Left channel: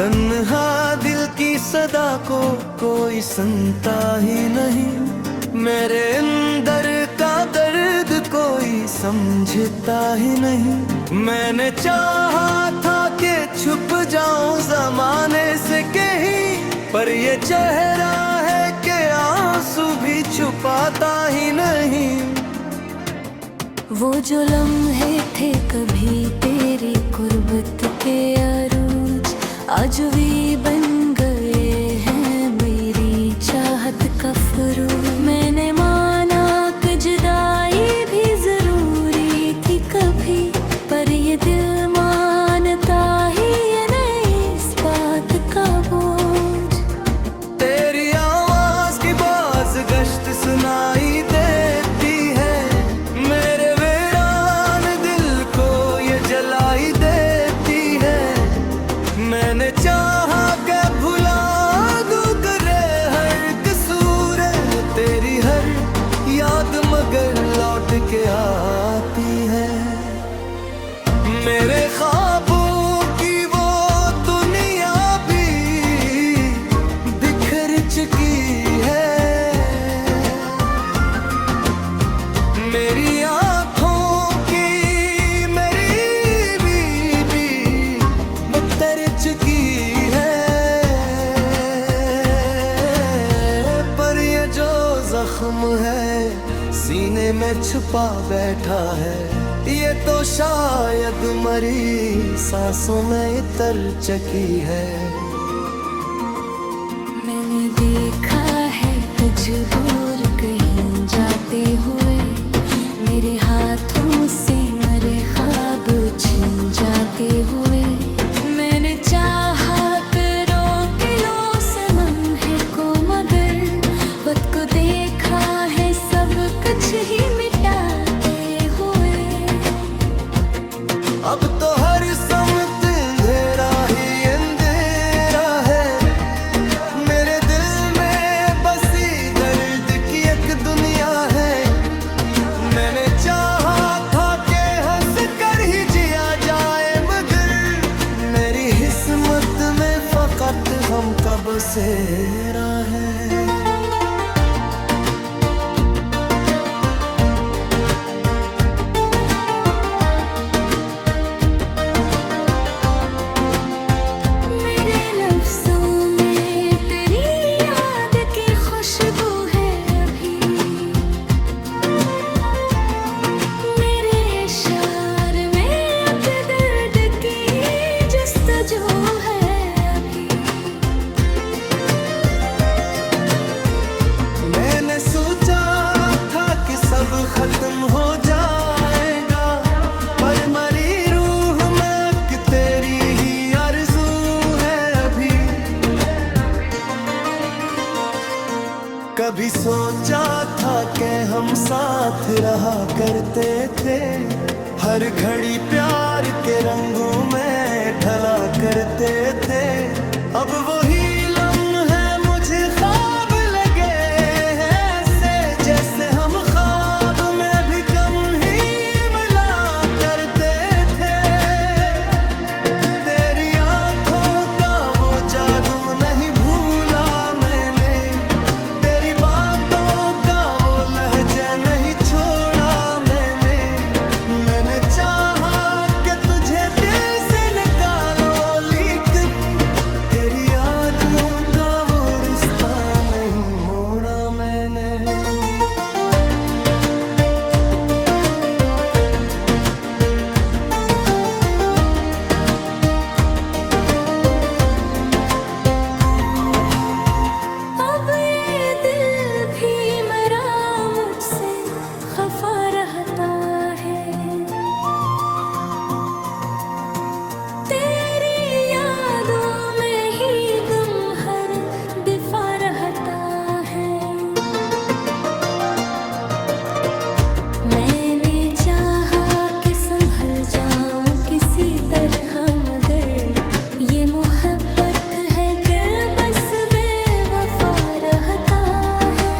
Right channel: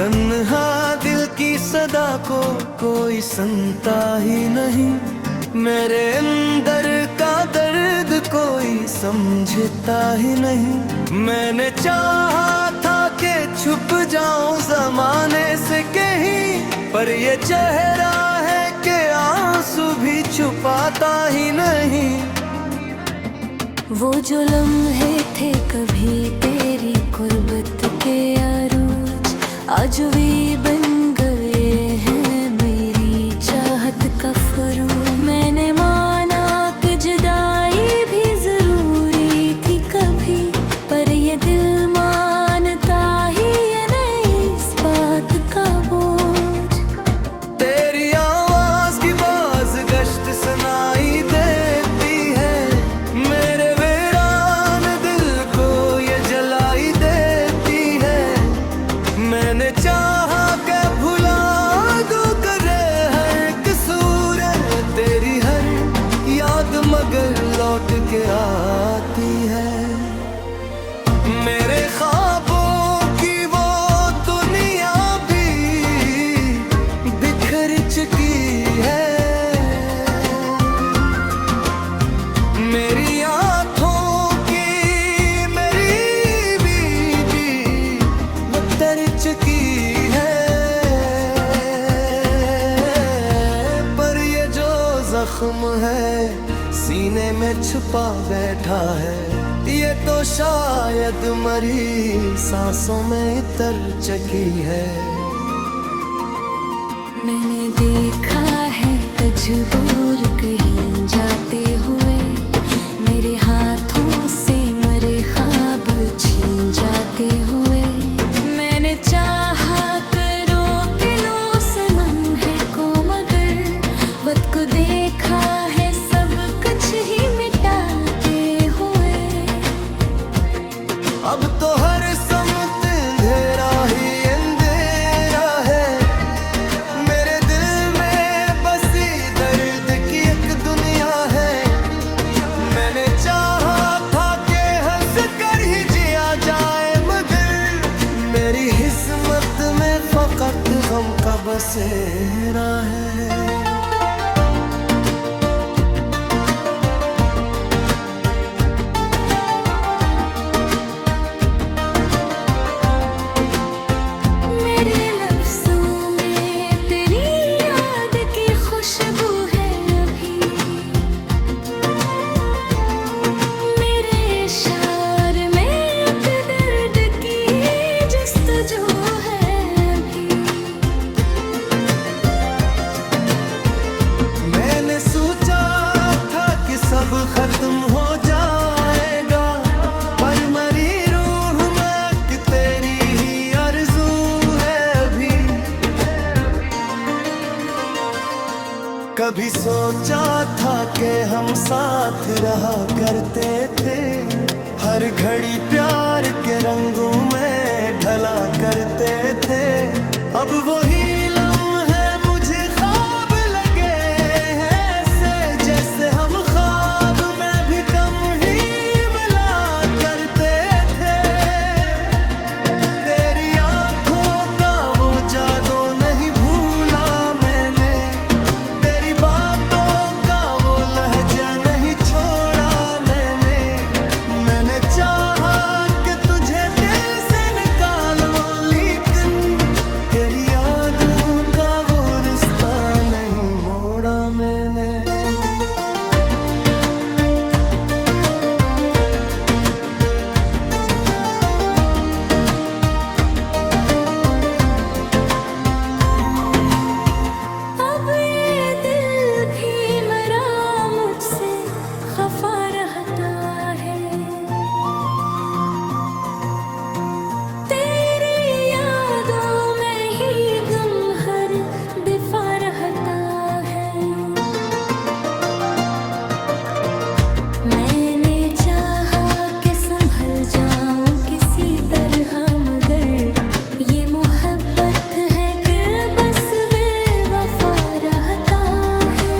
तन्हा दिल की सदा को कोई सुनता ही नहीं, मेरे अंदर का दर्द कोई समझता ही नहीं। मैंने चाहा था कि छुप जाऊं जमाने से कहीं, पर ये चेहरा है कि आंसू भी छुपाता ही नहीं। वो जो लम्हे थे कभी तेरी कुर्बत के अरूज, आज भी बन गए हैं मेरी चाहत का फरूज। मैंने माना कि जुदाई भी जरूरी थी कभी, पर ये दिल मानता ही ये नहीं इस बात का बोझ। तेरी आवाज की बाज गश्त सुनाई देती है, मेरे वीरान दिल को ये जलाई देती है। मैंने चाहा के भुला दूं करे हर कसूर, तेरी हर याद मगर लौट के आती है। मेरे ख्वाबों की वो दुनिया भी बिखर चुकी है, मेरी आँखों की मेरी बीबी मुत्तर चुकी है। पर ये जो जख्म है सीने में छुपा बैठा है, ये तो शायद मरी सांसों में इतर चुकी है। मैंने देखा है मजबूर कहीं जाते हुए, मेरे हाथों से मरे ख्वाब छीन जाते हुए। मैंने चाहा करो कि लो सनम है को, मगर वक्त को देखा है सब कुछ ही मिटाते हुए। अब तो हर समत अंधेरा ही अंधेरा है, मेरे दिल में बसी दर्द की एक दुनिया है। मैंने चाहा था कि हंस कर ही जिया जाए, मगर मेरी किस्मत में फकत गम का बसेरा है। मैंने सोचा था कि सब खत्म हो जाएगा, पर मरी रूह में कि तेरी ही आरज़ू है अभी। कभी सोचा था कि हम साथ रहा करते थे, हर घड़ी प्यार के रंगों में ढला करते थे। अब वही लम्हे मुझे ख्वाब लगे हैं ऐसे, जैसे हम ख्वाब में भी कम ही मिला करते थे। तेरी आंखों का वो जादू नहीं भूला मैंने, तेरी बातों का वो लहजा नहीं छोड़ा मैंने। मैंने चाहा कि तुझे दिल से निकालो, लेकिन तेरी यादों का वो रिश्ता नहीं मोड़ा मैंने। अब ये दिल भी मरा मुझसे खफा रहता है, तेरी यादों में ही गम हर दिफा रहता है। मैंने चाहा कि संभल जाऊं किसी तरह, मगर ये मोहब्बत है कि बस बेवफा रहता है।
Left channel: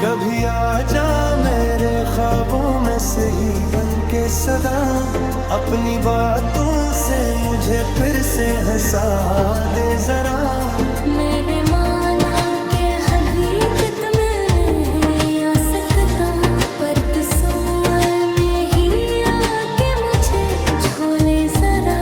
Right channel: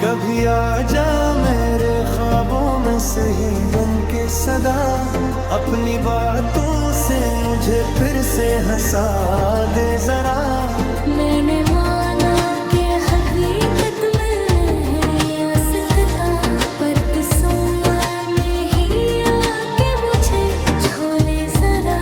कभी आ जा मेरे ख्वाबों में सही बन के सदा, अपनी बातों से मुझे फिर से हंसा दे जरा। मैंने माना कि हकीकत में नहीं आ सकता, पर तसव्वुर में ही आके मुझे झोले जरा।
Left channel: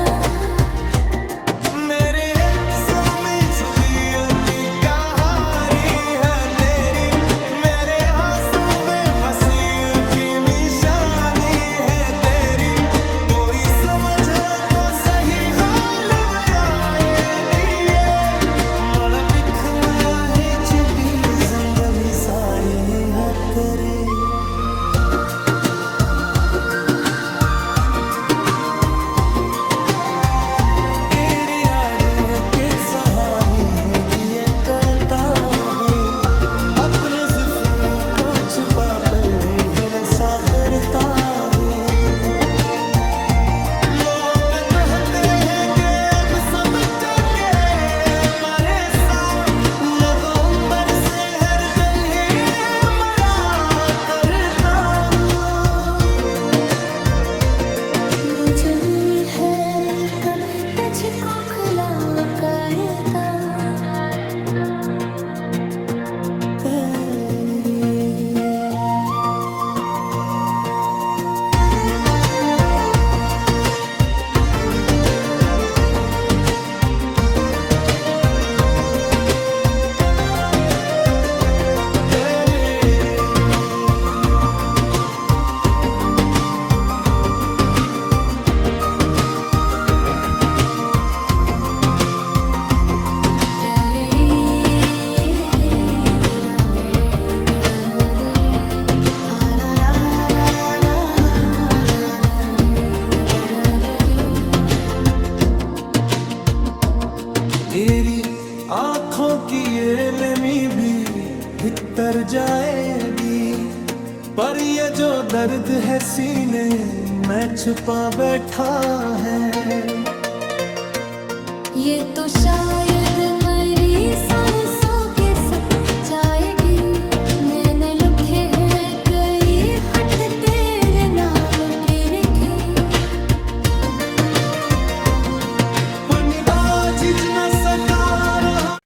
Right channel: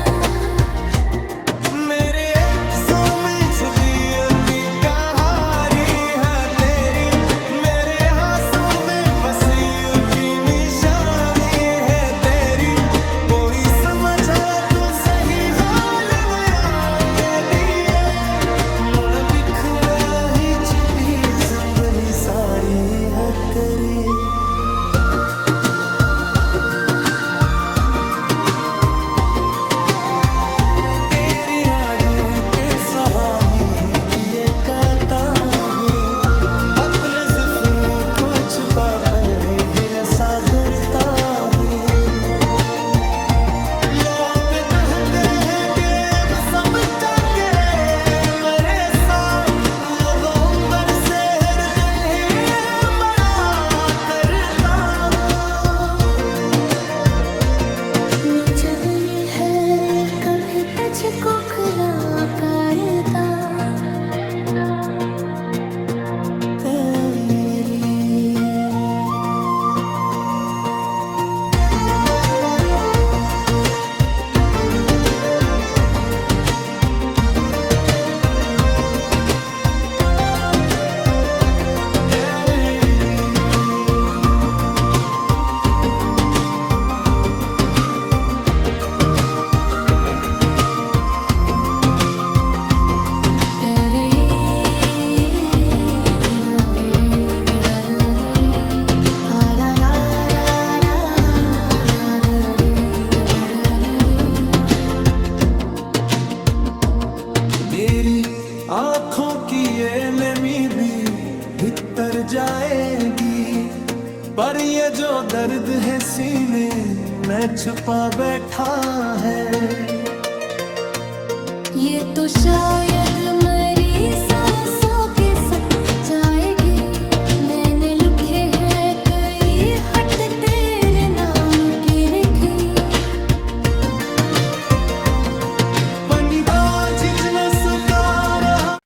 मेरे हिस्सों में जुदियों की कहानी है तेरी, मेरे हाथों में वसीयत की निशानी है तेरी। कोई समझे तो सही हाल मेरा ये दिए, मोना बिख में ही छिपी ज़ंबरी सारी है करी। सहानी किए करता हूँ, अपने जिफू को छुपा कर हिलसा करता हूँ। लोग कहते हैं कि सब जाके मरे साथ, नवंबर से हर कल ही मरा करता हूँ। जब है कभी तुझको खुला कायदा तेरी। मेरी आँखों की ये नमी भी भीतर जाएगी, पर ये जो दर्द है सीने में छुपा बैठा है, ये तो शायद मरी सांसों के सक जाएगी। मैंने लिखे हैं कई हट तेरे नाम के लिखी, झिझ न सका रहा।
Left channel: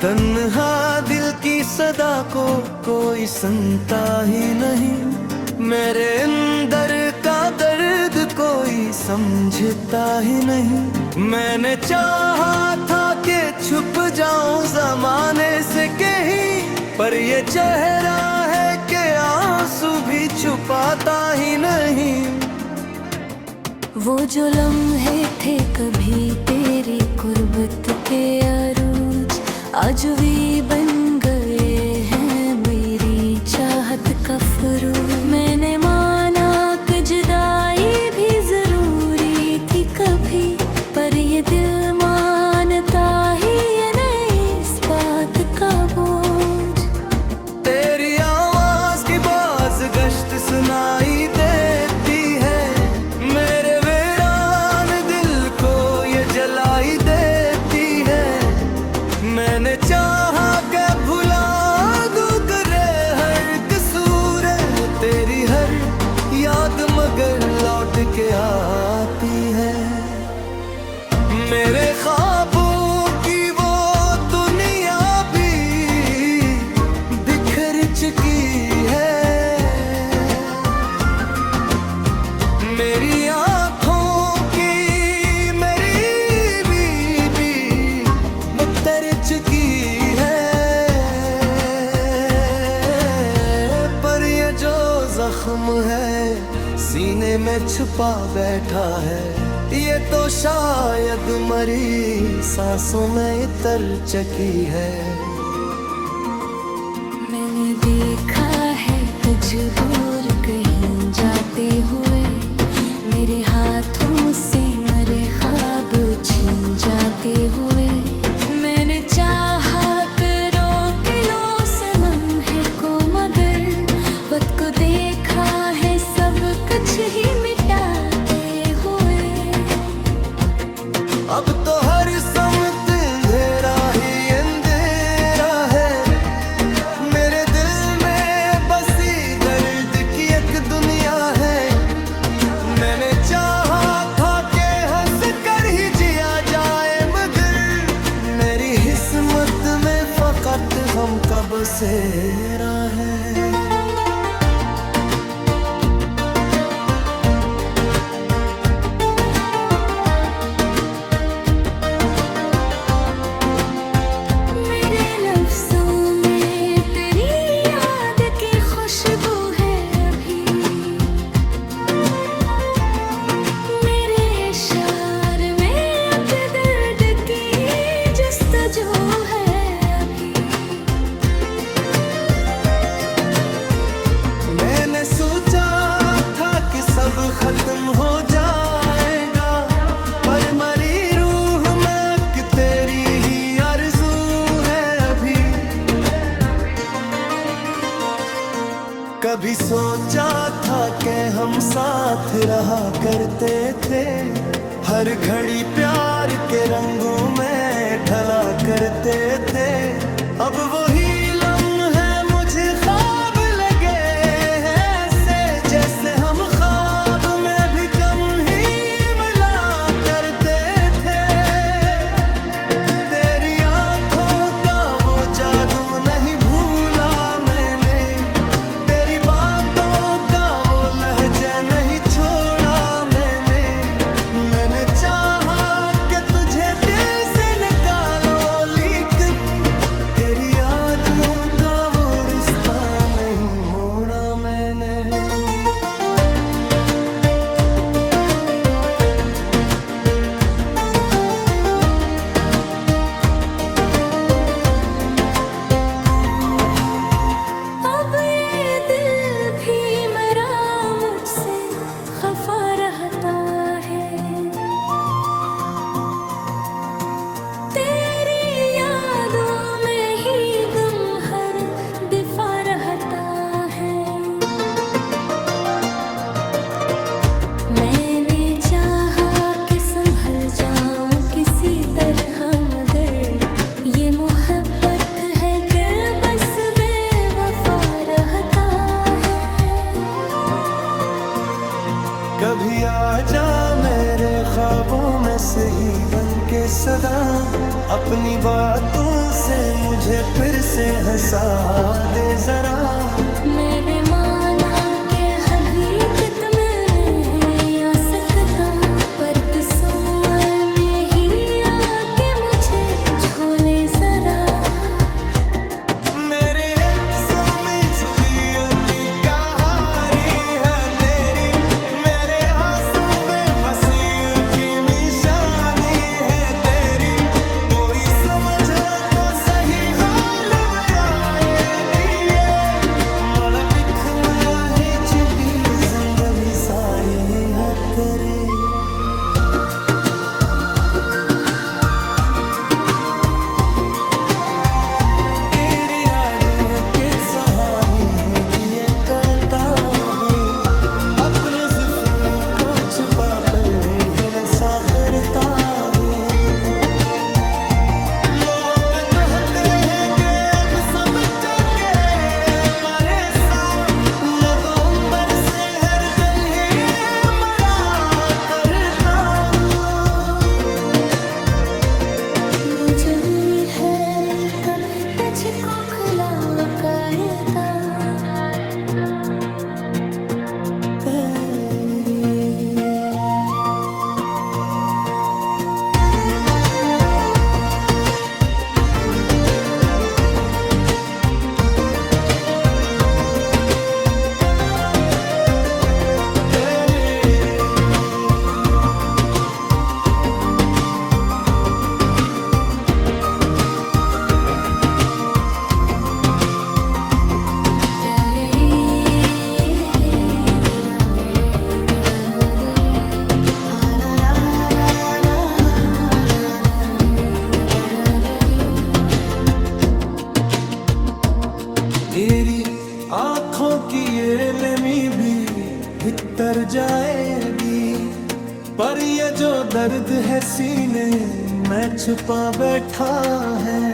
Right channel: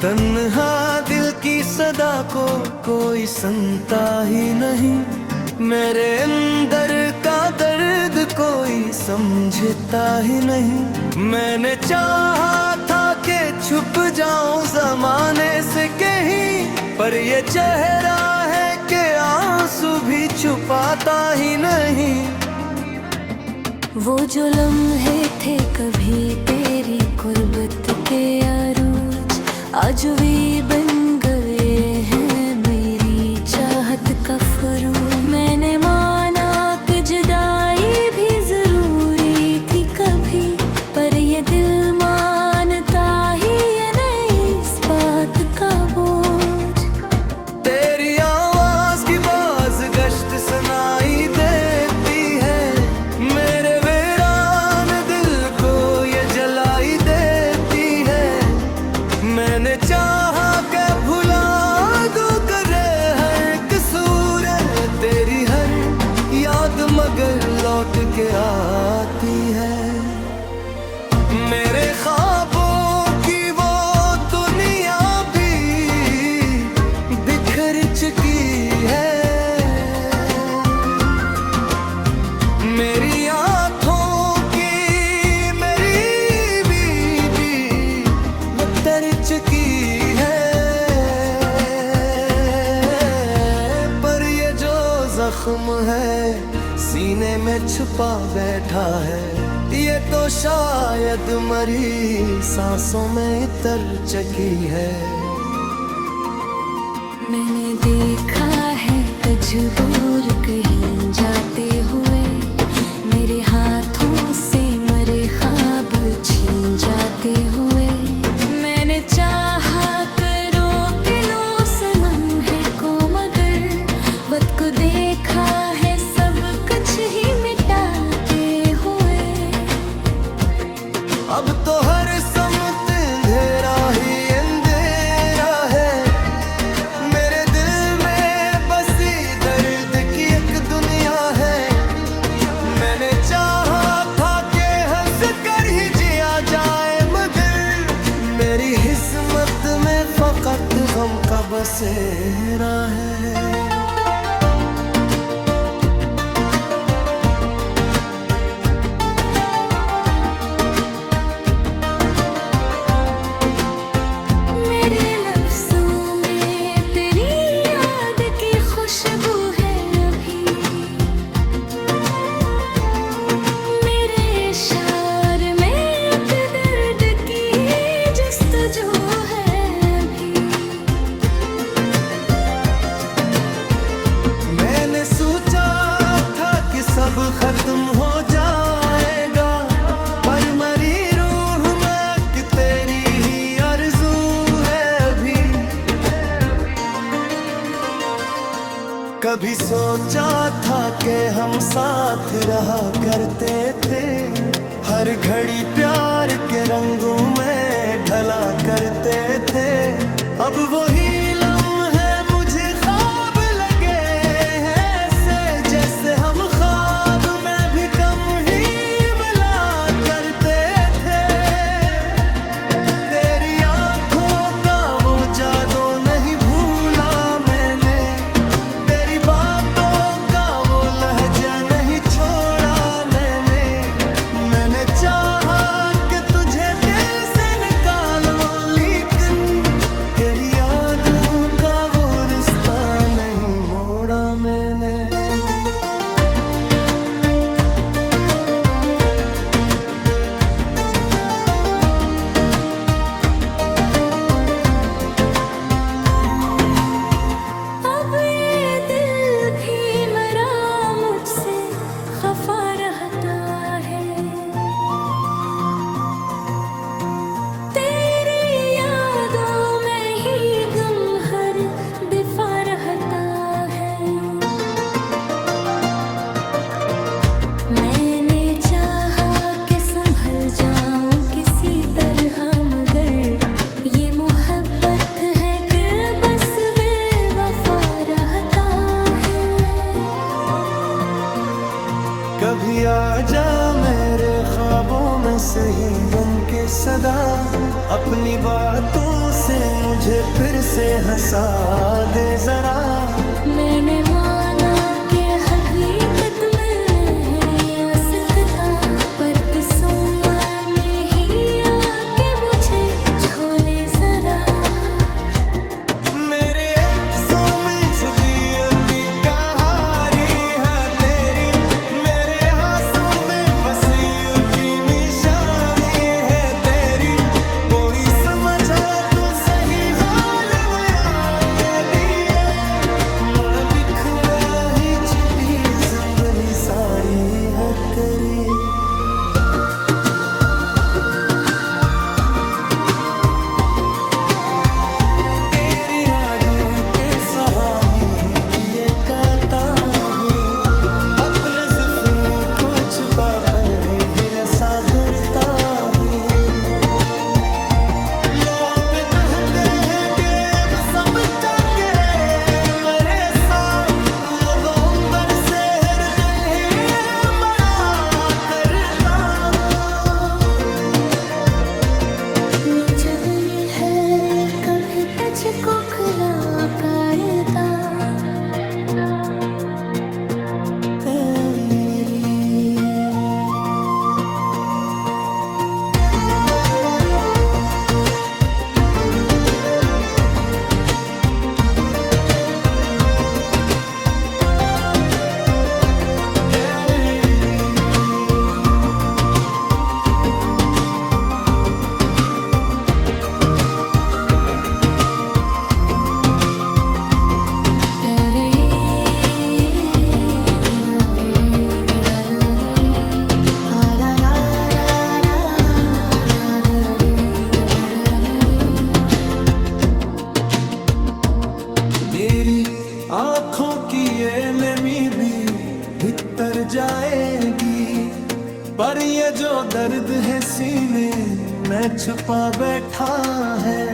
तन्हा दिल की सदा को कोई सुनता ही नहीं, मेरे अंदर का दर्द कोई समझता ही नहीं। मैंने चाहा था कि छुप जाऊं जमाने से कहीं, पर ये चेहरा है कि आंसू भी छुपाता ही नहीं। वो जो लम्हे थे कभी तेरी कुर्बत के अरूज, आज भी बन गए हैं मेरी चाहत का फरूज। मैंने माना कि जुदाई भी जरूरी थी कभी, पर ये दिल मानता ही ये नहीं इस बात का बोझ। तेरी आवाज की बाज गश्त सुनाई देती है, मेरे वीरान दिल को ये जलाई देती है। मैंने चाहा के भुला दूं करे हर कसूर, तेरी हर याद मगर लौट के आती है। मेरे ख्वाबों की वो दुनिया भी बिखर चुकी है, मेरी आँखों की मेरी बीबी मुत्तर चुकी है। पर ये जो जख्म है सीने में छुपा बैठा है, ये तो शायद मरी सांसों में इतर चकी है। मैंने देखा है मजबूर कहीं जाते हुए, मेरे हाथों से मरे ख्वाब छीन जाते हुए। सबको देखा है सब कुछ ही मिटाते हुए। अब तो हर समत अंधेरा ही अंधेरा है। मेरे दिल में बसी दर्द की एक दुनिया है। मैंने चाहा था कि हंस कर ही जिया जाए, मगर मेरी किस्मत में फकत गम का बसेरा है। मेरे लफ्ज़ों में तेरी याद की खुशबू है अभी। मेरे इशार में अब दर्द की जस्तजू है अभी। मैंने सोचा था कि सब खत्म हो जाएगा, पर मरी रूह में कि तेरी ही आरज़ू है अभी। कभी सोचा था कि हम साथ रहा करते थे, हर घड़ी प्यार के रंगों में ढला करते थे। अब वही लम्हे मुझे ख्वाब लगे हैं, ऐसे जैसे हम ख्वाब में भी कम ही मिला करते थे। तेरी आंखों का वो जादू नहीं भूला मैंने, तेरी बातों का वो लहजा नहीं छोड़ा मैंने। मैंने चाहा कि तुझे दिल से निकालो, लेकिन तेरी यादों का वो रिश्ता नहीं मोड़ा मैंने। अब ये दिल भी मरा मुझसे खफा रहता है। तेरी यादों में ही गम हर दिफा रहता है। मैंने चाहा कि संभल जाऊं किसी तरह, मगर ये मोहब्बत है कि बस बेवफा रहता है। कभी आजा मेरे ख्वाबों में सही बन के सदा, अपनी बातों से मुझे फिर से हंसा दे जरा। मैंने माना कि हकीकत में नहीं आ सकता, पर तसव्वुर में ही आके मुझे झोले जरा। मेरे सो में जुदिया की कहानी है तेरी, मेरे हाथों में वसीय की निशानी है तेरी। कोई समझे तो सही हाल बनाए दिए, मन बिख में ही छिपी ज़ंबरी सारी है तेरी। तेरी यादों के सहाने किए करता हूँ, अपने ज़िफ़्रों को छुपा कर ही रसा करता हूँ। लोग कहते हैं कि अब समझा के मरे साथ नवंबर से हर कल्हे मरा करता हूँ। जब ये है कभी तुझको खुला कायदा तेरी तेरे की ये नमी भी भीतर जाएगी, पर ये जो दर्द है सीने में छुपा बैठा है,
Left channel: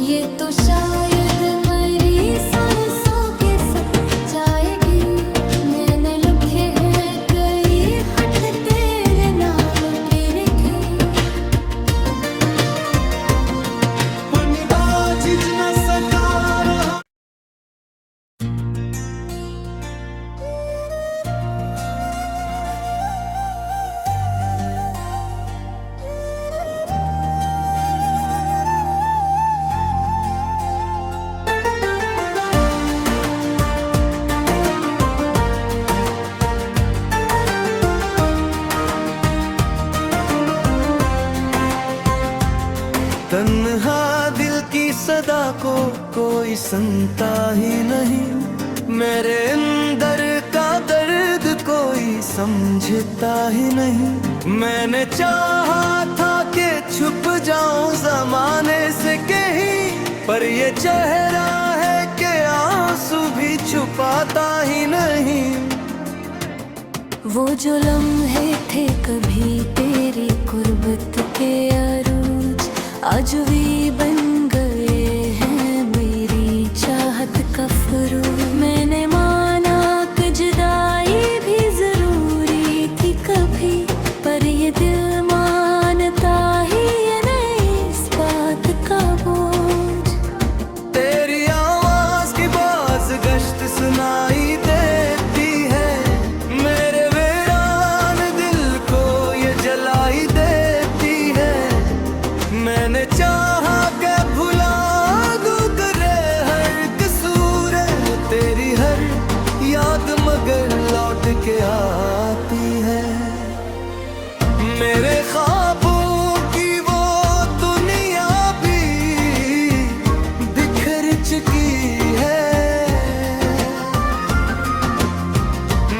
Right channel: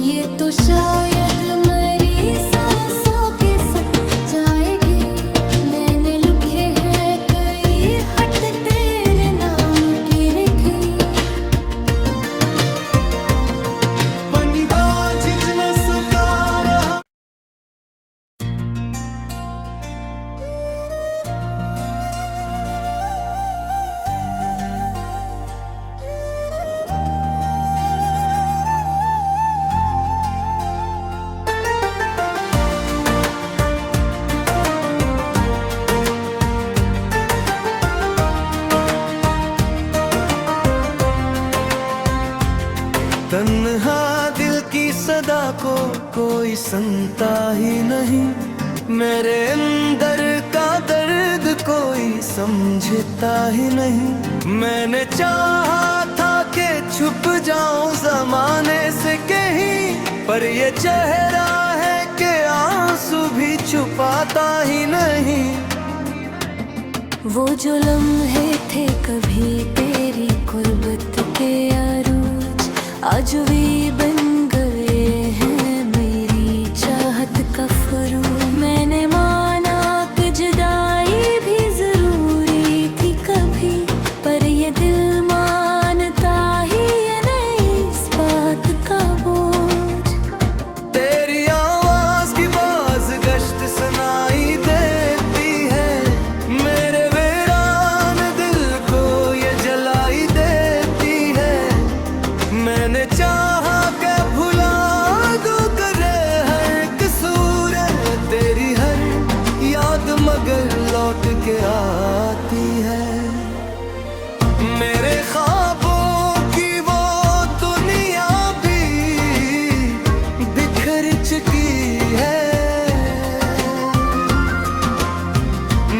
ये तो शायद मरी सांसों के सक जाएगी। मैंने लिखे हैं कई हट तेरे नाम के लिखी, पनिगा झिझ न सका रहा। तन्हा दिल की सदा को कोई सुनता ही नहीं, मेरे अंदर का दर्द कोई समझता ही नहीं। मैंने चाहा था कि छुप जाऊं जमाने से कहीं, पर ये चेहरा है कि आंसू भी छुपाता ही नहीं। वो जो लम्हे थे कभी तेरी कुर्बत के अरूज, आज भी बन गए हैं मेरी चाहत का फरूज। मैंने माना कि जुदाई भी जरूरी थी कभी, पर ये दिल मानता ही नहीं इस बात का बोझ। तेरी आवाज की बाज गश्त सुनाई देती है, मेरे वीरान दिल को ये जलाई देती है। मैंने चाहा के भुला दूं करे हर कसूर, तेरी हर याद मगर लौट के आती है। मेरे ख्वाबों की वो दुनिया भी बिखर चुकी है,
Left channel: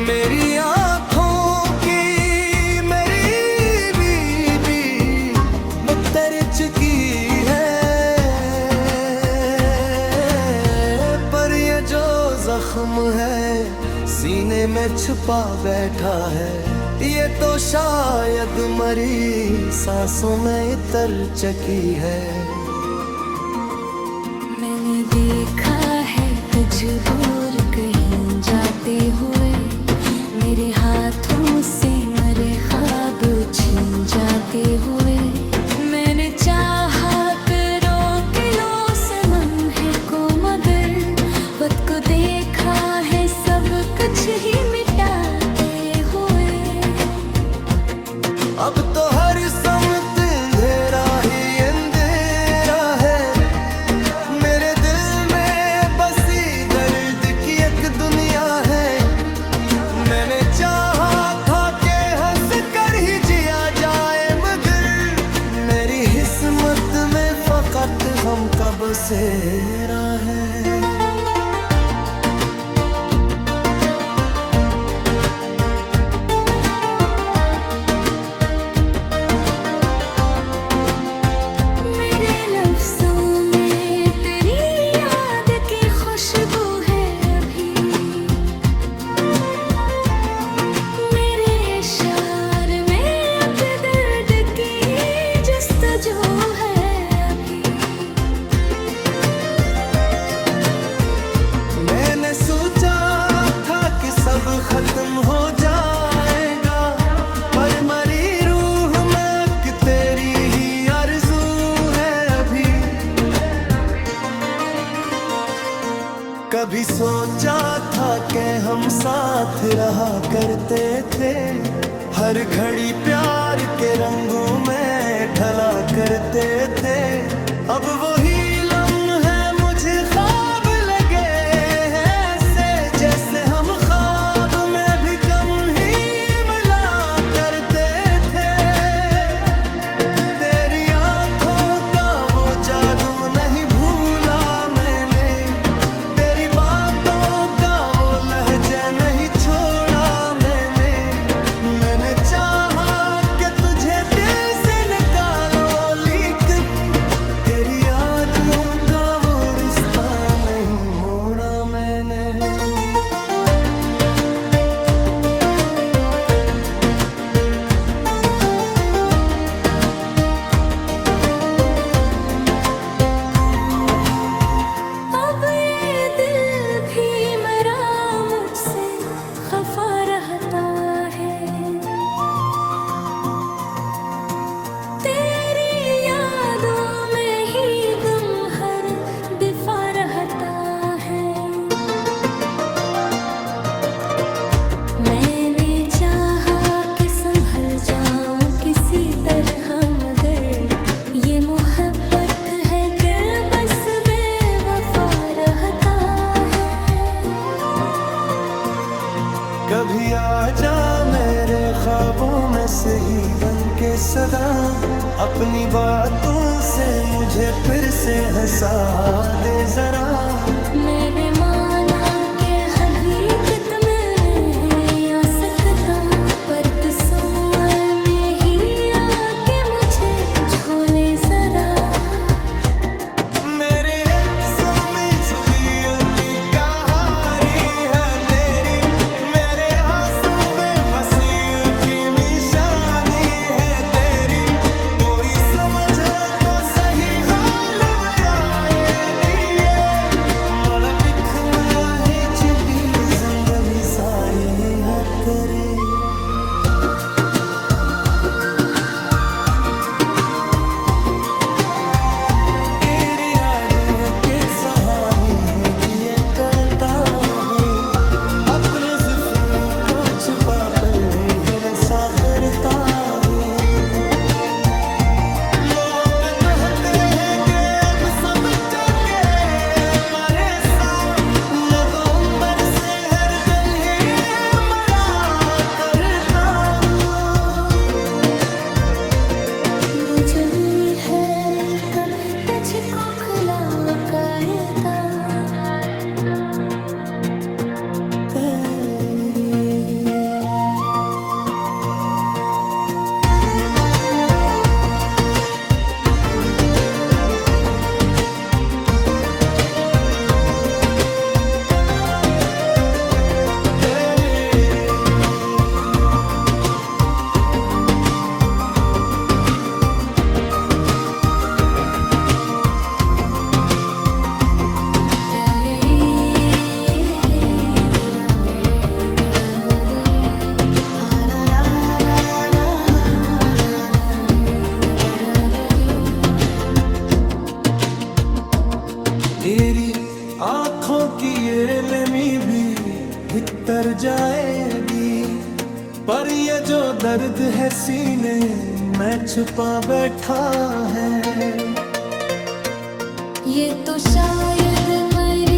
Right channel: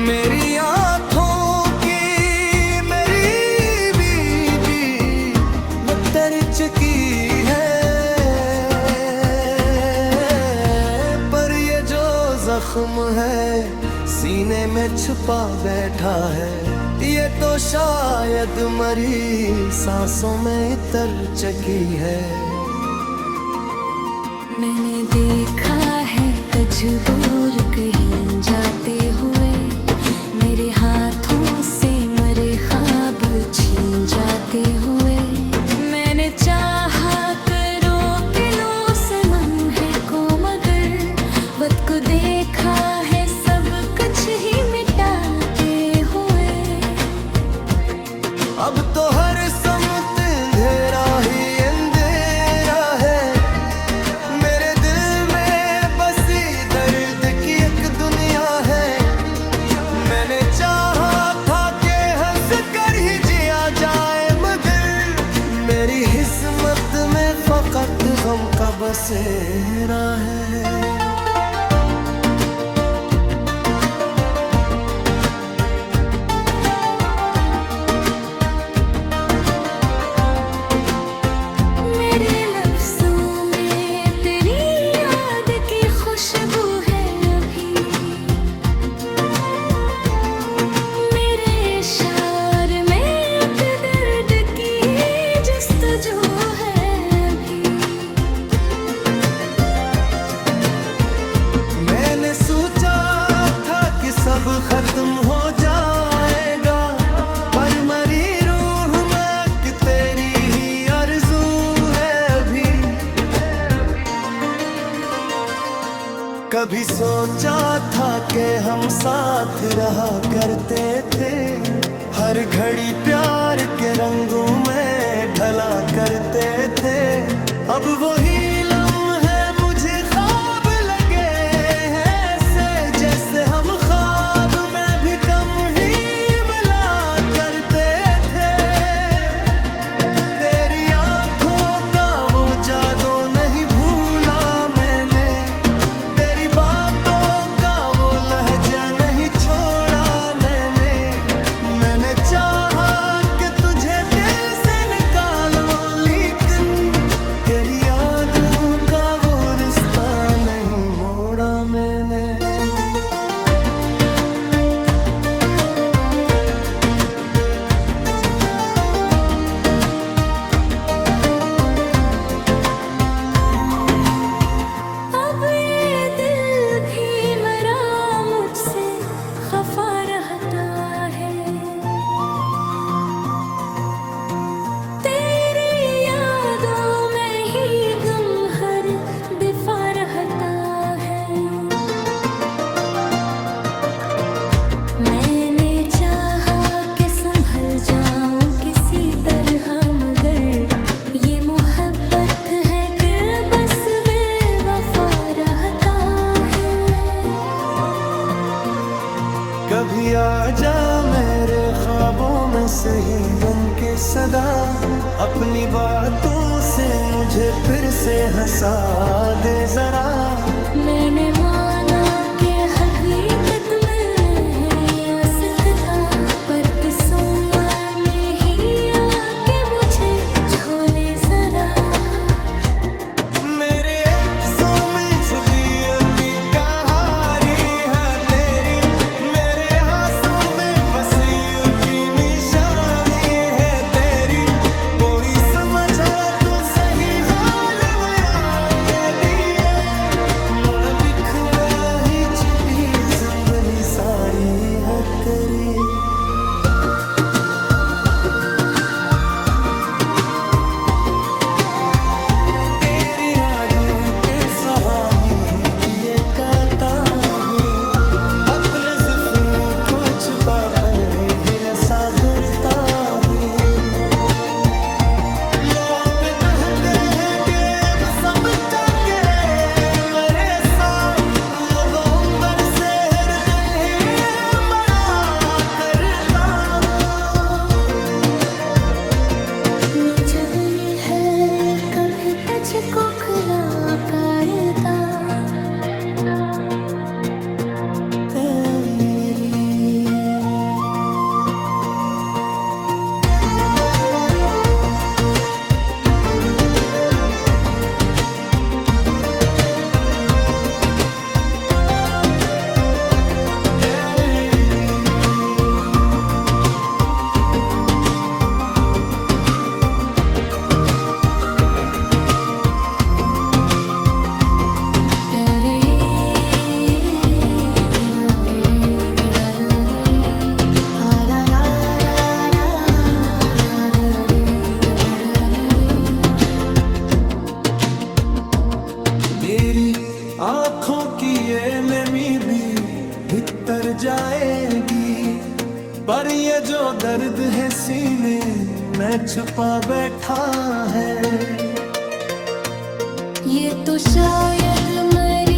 मेरी आँखों की मेरी बीबी मुत्तर चुकी है। पर ये जो जख्म है सीने में छुपा बैठा है, ये तो शायद मरी सांसों में इतर चकी है। मैंने देखा है तजबूर कहीं जाते हुए, मेरे हाथों से मरे ख्वाब छीन जाते हुए। मैंने चाहा करो के लो सनम है को, मगर वक्त को देखा है सब कुछ ही मिटाते हुए। अब तो हर समत अंधेरा ही अंधेरा है, मेरे दिल में बसी दर्द की एक दुनिया है। मैंने चाहा था कि हंस कर ही जिया जाए, मगर मेरी किस्मत में फकत गम का बसेरा है। मैंने सोचा था कि सब खत्म हो जाएगा, पर मरी रूह में कि तेरी ही आरज़ू है अभी। कभी सोचा था कि हम साथ रहा करते थे, हर घड़ी प्यार के रंगों में ढला करते थे। अब वही लम्हे मुझे ख्वाब लगे हैं, ऐसे जैसे हम ख्वाब में भी कम ही मिला करते थे। तेरी आंखों का वो जादू नहीं भूला मैंने, तेरी बातों का वो लहजा नहीं छोड़ा मैंने। मैंने चाहा कि तुझे दिल से निकालो, लेकिन तेरी यादों का वो रिश्ता नहीं मैंने चाहा कि संभल जाऊं किसी तरह, मगर ये मोहब्बत है कि बस बेवफा रहता है। कभी आ जा मेरे ख्वाबों में सही बन के सदा, अपनी बातों से मुझे फिर से हंसा दे जरा। मैंने माना कि हकीकत में नहीं आ सकता, पर तसव्वुर में ही आके मुझे झोले जरा। मेरे सो में जुदियती कहानी है तेरी, मेरे हाथों में वसीय की निशानी है तेरी। कोई समझे तो सही हाल मेरा ये दिए, मोड़ बिख में ही छिपी जंगली सारी है तेरी। सहानी किए करता है, अपने जिफ्रू को छुपा कर ही नशा करता है। लोग कहते हैं कि अब समझा के मरे साथ, नवंबर से हर तन्हे मरा करता हूँ। जब ये है कभी तुझको खुला कायदा तेरी। मेरी आँखों की ये नमी भी भीतर जाएगी, पर ये जो दर्द है सीने में छुपा बैठा है, ये तो शायद मर